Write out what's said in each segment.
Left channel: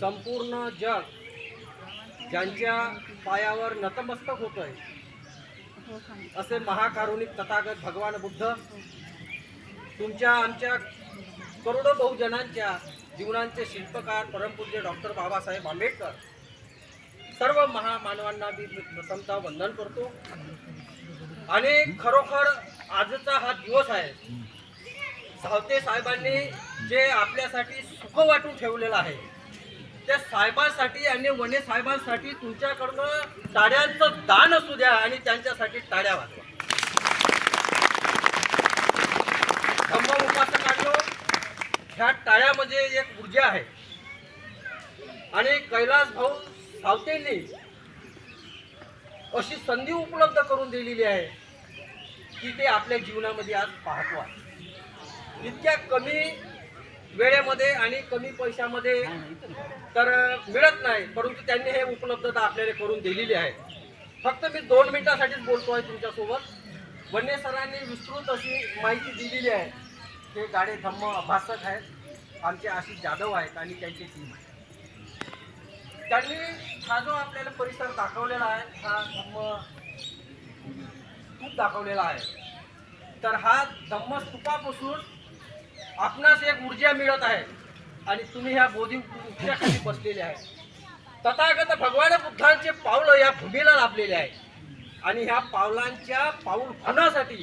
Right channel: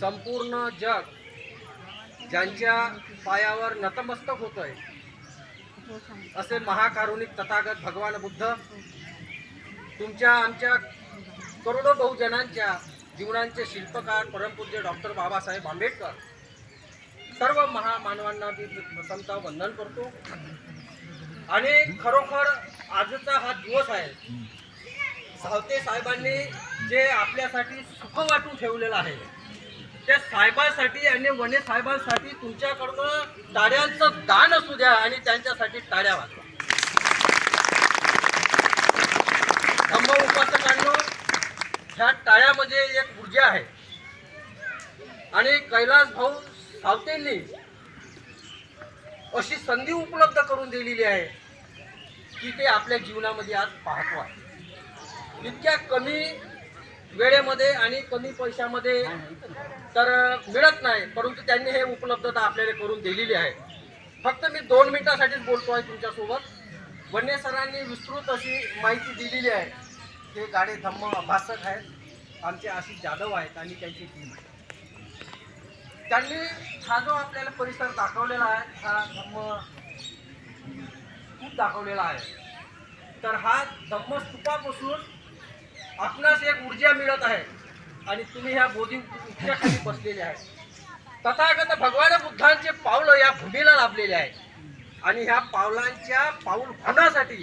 संपूर्ण जग ज्यांच्या पायावर नतमस्तक होतोय असे महाकारुणिक तथागत भगवान बुद्ध तुमच्या आमच्या करोडो बहुजनांच्या जीवनांचे शिल्पकार परमपूज्य डॉक्टर बाबासाहेब आंबेडकर सर्व महामानवांना मी प्रथमतः वंदन करतो. आणि खरोखर आजचा हा दिवस आहे सावते साहेबांनी जे आपल्यासाठी सुख वाटून ठेवलेलं आहे त्या साहेबांसाठी आणि वने साहेबांसाठी तुमच्याकडनं टाळ्यांचं दान असू द्या आणि त्यांच्यासाठी टाळ्या वाजवा धम्म उपासकांनो ह्या टाळ्यामध्ये एक ऊर्जा आहे. आणि कैलास भाऊ सावतेंनी अशी संधी उपलब्ध करून दिलेली आहे की ते आपल्या जीवनामध्ये आज पाहतो आहे. इतक्या कमी वेळेमध्ये आणि कमी पैशामध्ये तर मिळत नाही परंतु त्यांनी हे उपलब्धता आपल्याला करून दिलेली आहे. फक्त मी दोन मिनिटासाठीच बोलतो आहे तुमच्यासोबत. वन्य सरांनी विस्तृत अशी माहिती दिलेली आहे. ते गाडे धम्म अभ्यासक आहेत. आमचे आशिष जाधव आहेत आणि त्यांची टीम आहे. त्यांनी हा जो आपल्याला परिसर दाखवलेला आहे हा धम्म स्तूप दाखवलेला आहे. तर हा धम्म स्तूपापासून आपणास एक ऊर्जा मिळत आहे. आणि तुम्ही ह्या बोधी वृक्षाखाली बसलेले आहे. तथागत भगवान बुद्धांचे पावलं या भूमीला लाभलेले आहेत आणि ह्या पावलांच्या पाऊल खुणासाठी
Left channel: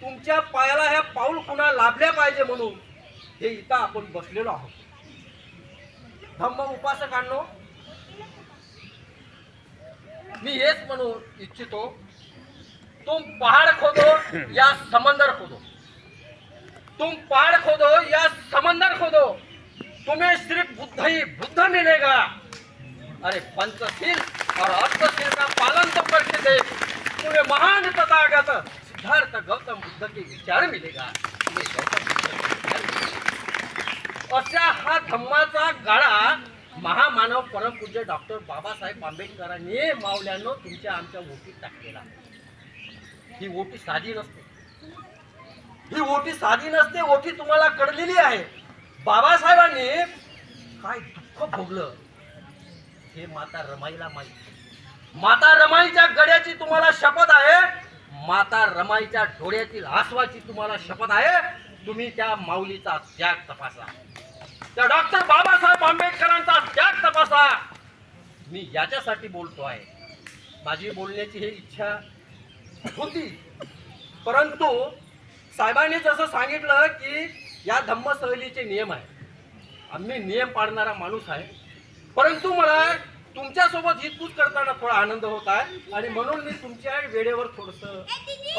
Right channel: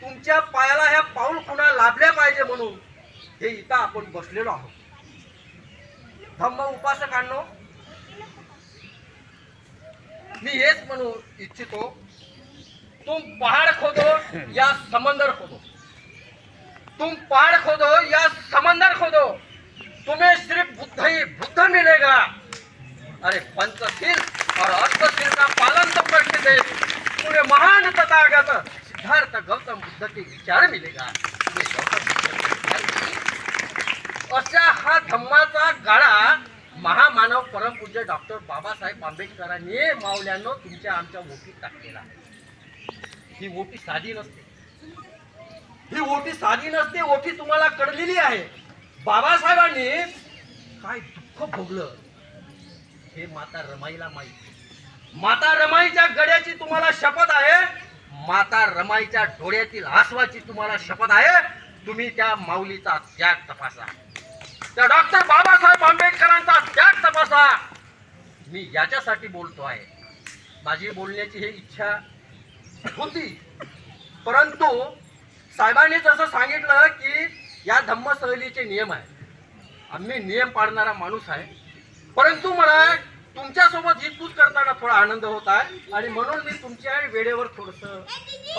तुमच्या पायाला ह्या पाऊल खुणा लाभल्या पाहिजे म्हणून हे इथं आपण बसलेलो आहोत. धम्म उपासकांनो मी हेच म्हणू इच्छितो तुम पहाड़ खोदो या समंदर खोदो. तुम पहाड़ खोदो या समंदर खोदो। तुम्हें सिर्फ बुद्ध ही बुद्ध मिलेगा। अरे पंचशील और अष्टशील का पालन तो करते थे। तुम्हें महान तथागत सिद्धार्थ गौतम बुद्ध के विचार मिलेगा। तुम्हें गौतम बुद्ध के विचार मिलेगा। अशा हा धम्माचा गाळा महामानव परमपूज्य डॉक्टर बाबासाहेब आंबेडकरांनी मावल्यानं तुमच्या आमच्या ओटीत टाकलेला आहे. ही ओटी साधी नसते. ही ओटी साधी नसते ओटी तुम्हाला कळलेली आहे. बाबासाहेबांनी काय दुःख भोगलं? हे माता रमाईला माहीत माता रमाईच्या गड्याची तुम्हाला शपथ आहे. माता रमाईच्या डोळ्यातील आसवाची तुम्हाला शपथ आहे. तुम्ही त्या माऊलीचा त्याग तपासा. त्या डॉक्टर बाबासाहेब आंबेडकरांचा त्याग तपासा. मी याच्यासाठी बोलतो आहे. माझी बोलण्याची ही इच्छा होती. परंतु साहेबांनी जसं सांगितलं की या धम्मसहलीचे नियम आहे आम्ही नियम पाळणारा माणूस आहे. परंतु मला तुमच्यासोबत ही तूच करताना थोडा आनंद होत आहे आणि म्हणून मी तुमच्या वेळेवर थोडंसं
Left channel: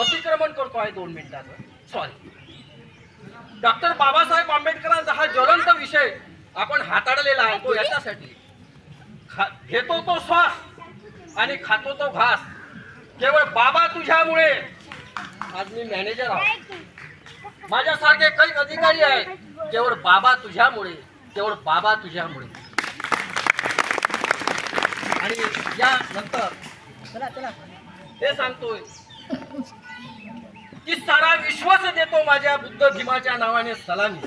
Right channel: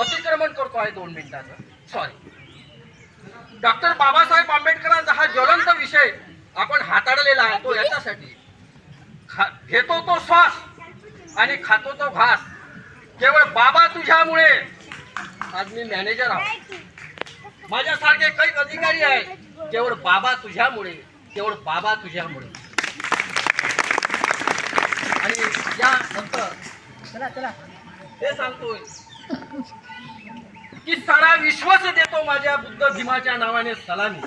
अतिक्रमण करतो आहे दोन मिनिटाचं. सॉरी डॉक्टर बाबासाहेब आंबेडकरांचा हा ज्वलंत विषय आपण हाताळलेला आहे तो याच्यासाठी. खा घेतो तो श्वास आणि खातो तो घास. केवळ बाबा तुझ्यामुळे आज मी मॅनेजर आहे. माझ्यासारखे काही अधिकारी आहेत. केवळ बाबा तुझ्यामुळे केवळ बाबा तुझ्यामुळे. आणि या नंतर हे सांगतोय की सारा विश्वास देतो माझ्या बुद्ध भीमाच्या नावाने सलामी.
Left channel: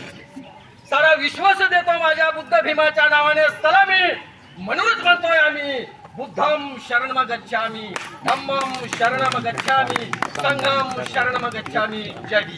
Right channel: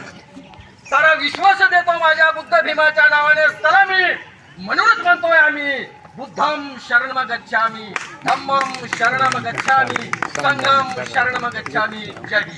सारा विश्वास देतो माझ्या बुद्ध भीमाच्या नावाने सलामी. म्हणूनच म्हणतोय आम्ही புத்தம் சரணமகச்சாமி தம்மம் சரணமகச்சாமி சங்கம் சரணமகச்சாமி. ஜெய்.